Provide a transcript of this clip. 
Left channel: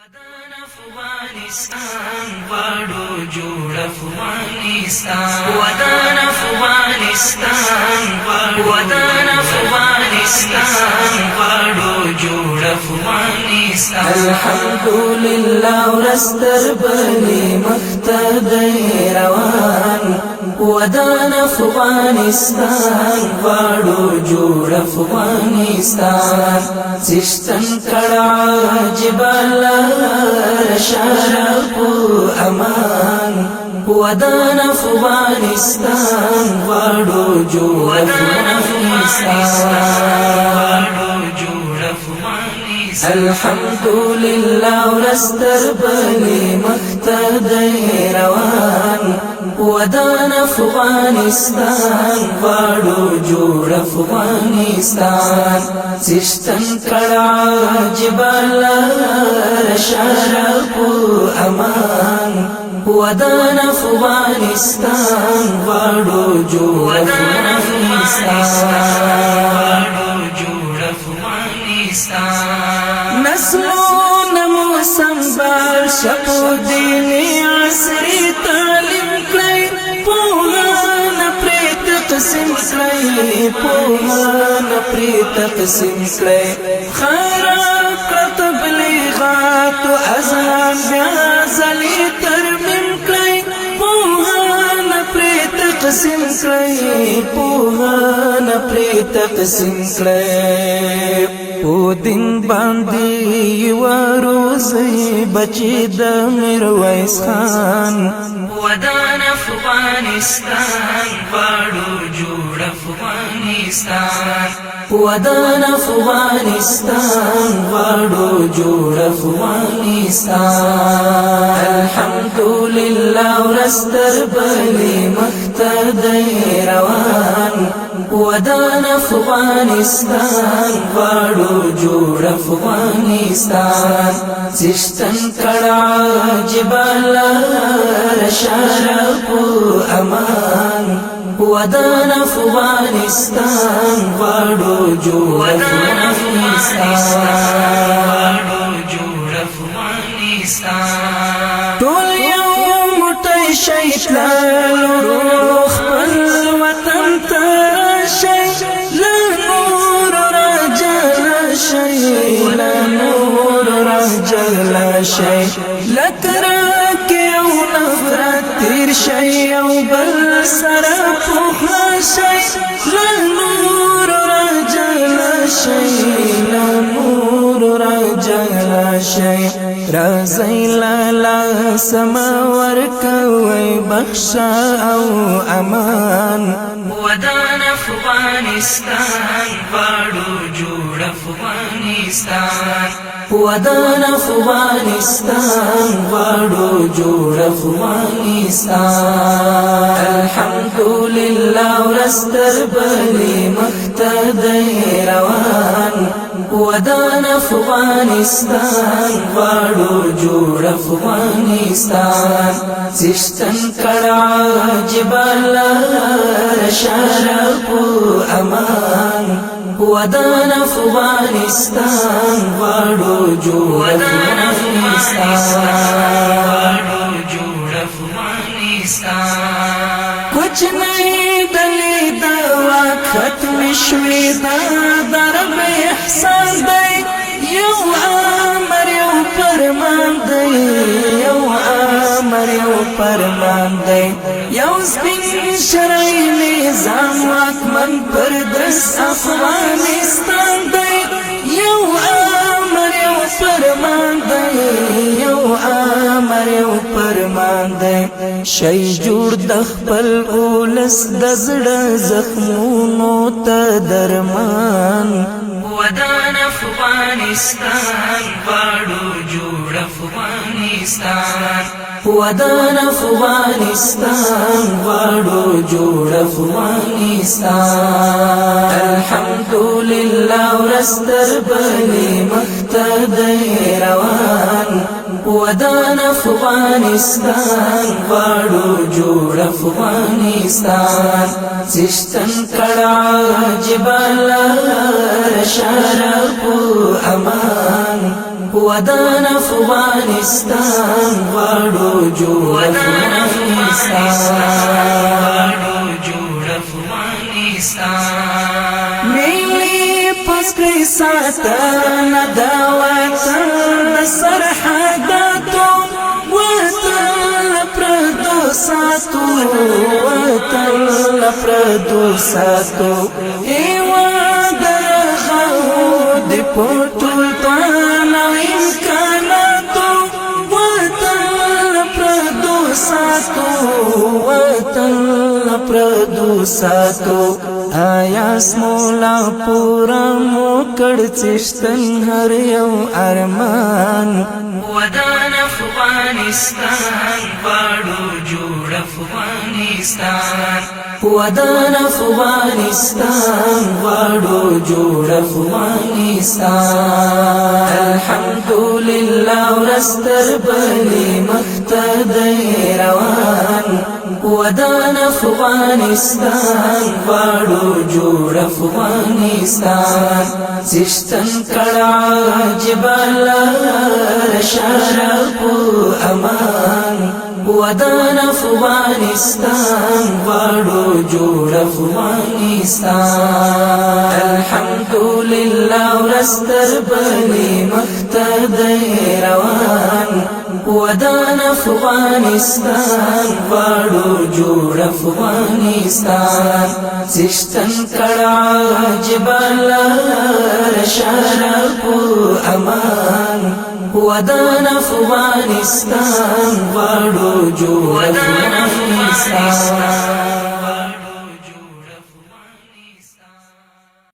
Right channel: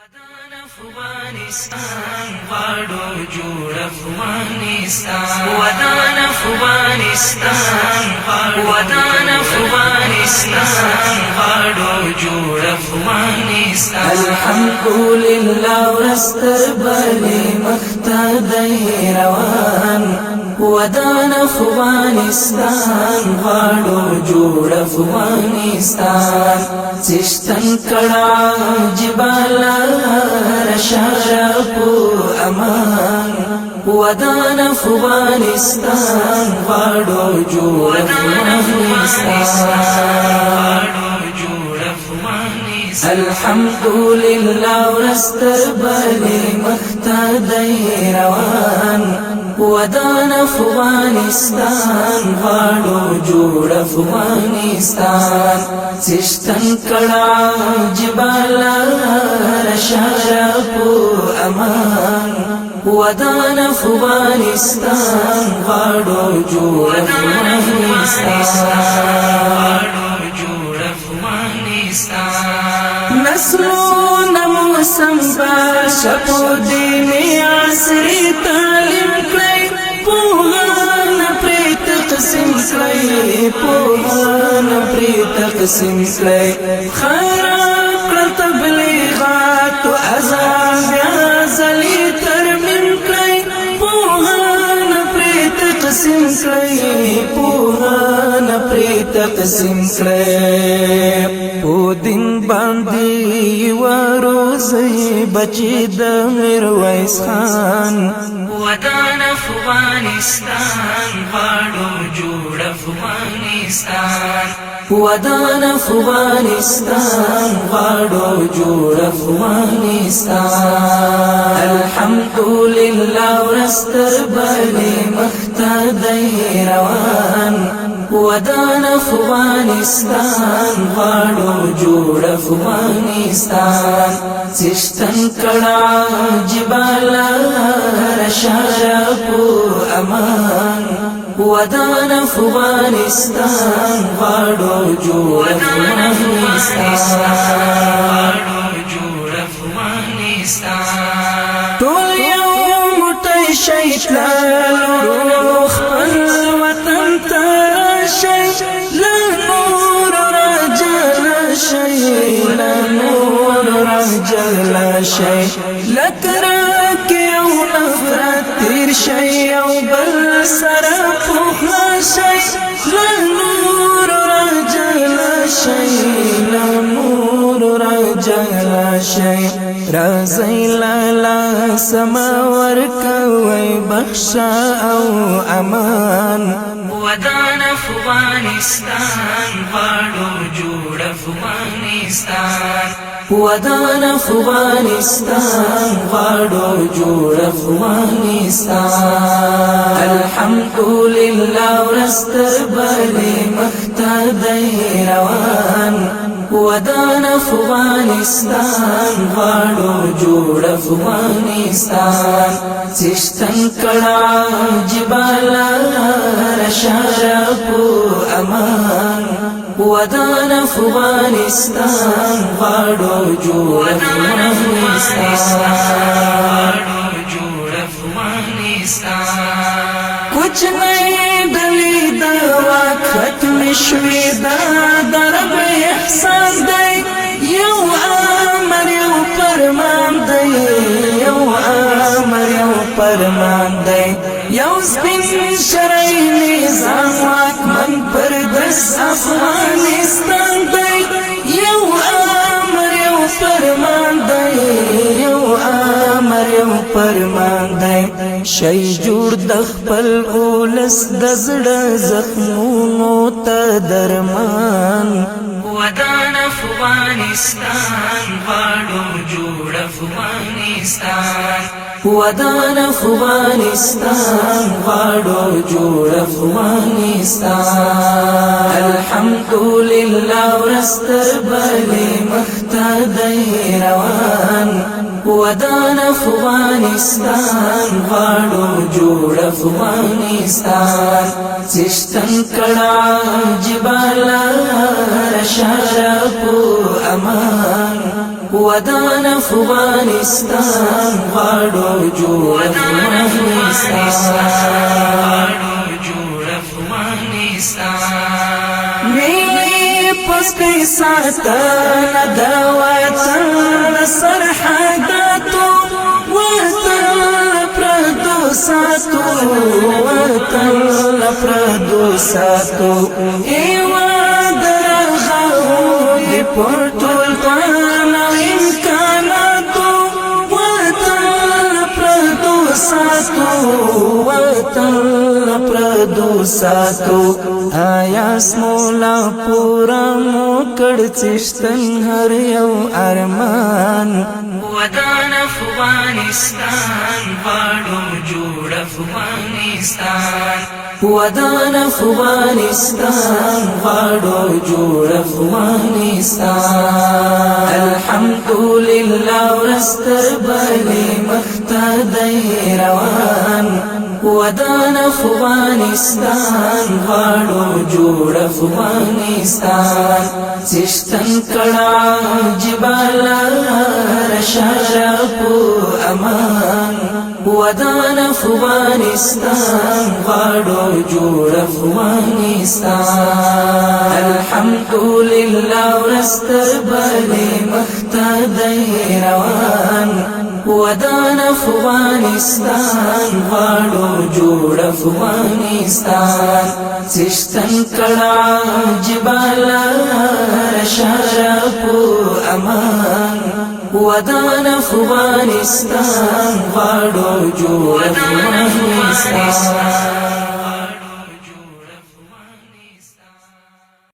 ودان افغانستان غواړو جوړ افغانستان ودان افغانستان ودان افغانستان غواړو جوړ افغانستان الحمدلله ورستر بني مختدي روان ودان افغانستان غواړو جوړ افغانستان سشتن کڑا جبال شرف امان ودان افغانستان غواړو جوړ افغانستان الحمدلله ورستر بني مختدي روان ودان افغانستان غواړو جوړ افغانستان سشتن کڑا جبال شرف امان ودان افغانستان غواړو جوړ افغانستان نسلونه مو سنبال شپو دیني عصري تعلیم کړئ پوهان پرې تقسیم کړئ پوهان پرې تقسیم کړئ خیرات کړه تبلیغات او اذان بیا ځلې ترمیم کړئ پوهان پرې تقسیم کړئ پوهان پرې تقسیم کړئ او دین باندې وروزي بچی د میرویس خان ودان افغانستان غواړو جوړ افغانستان ودان افغانستان غواړو جوړ افغانستان الحمدلله ورستر بني مختدي روان ودان افغانستان غواړو جوړ افغانستان سشتن کڑا جبال شرف امان ودان افغانستان غواړو جوړ افغانستان ټول یو موټی شي تللو خپل وطن ته شي لا نور رجل شي لا نور رجل شي لکرک یو نفرت تیر شي او بل سره پوخلا شي لا نور رجل شي لا نور رجل شي رازی لالا سماور کوي بخشا او امان ودان افغانستان غواړو جوړ افغانستان ودان افغانستان غواړو جوړ افغانستان الحمدلله ورستر بني مختدي روان ودان افغانستان غواړو جوړ افغانستان سشتن کڑا جبال شرف امان ودان افغانستان غواړو جوړ افغانستان کچھ نہیں دلی دوا ختم شوی دا درب احسان دی یو امر یو فرمان دی یو امر یو فرمان دی یو سپین شرعی نظام واکمن پر دس افغانستان دی یو امر یو فرمان دی یو امر یو فرمان دی شي جوړ د خپل اولس د زړه زخمونو ته درمان ودان افغانستان غواړو جوړ افغانستان ودان افغانستان غواړو جوړ افغانستان الحمدلله ورستر بني مختدي روان ودان افغانستان غواړو جوړ افغانستان سشتن کڑا جبال شرف امان ودان افغانستان غواړو جوړ افغانستان جوړ افغانستان ملي پسپی ساتن د وطن د سرحداتو وطن پردو ساتو وطن پردو ساتو ایوان درغاو دی پرطول پانا امکاناتو وطن پردو ساتو وطن پردو ساتو آیا سمولا پورا موکڑ چشتن هر یو ارمان ودان افغانستان غواړو جوړ افغانستان ودان افغانستان غواړو جوړ افغانستان الحمدلله ورستر بلی مختدی روان ودان افغانستان غواړو جوړ افغانستان چشتن کړه جبال شرف امان ودان افغانستان غواړو جوړ افغانستان الحمدلله ورستر بلی مختدی روان ودان افغانستان غواړو جوړ افغانستان چشتن کړه جبال شرف امان ودان افغانستان غواړو جوړ افغانستان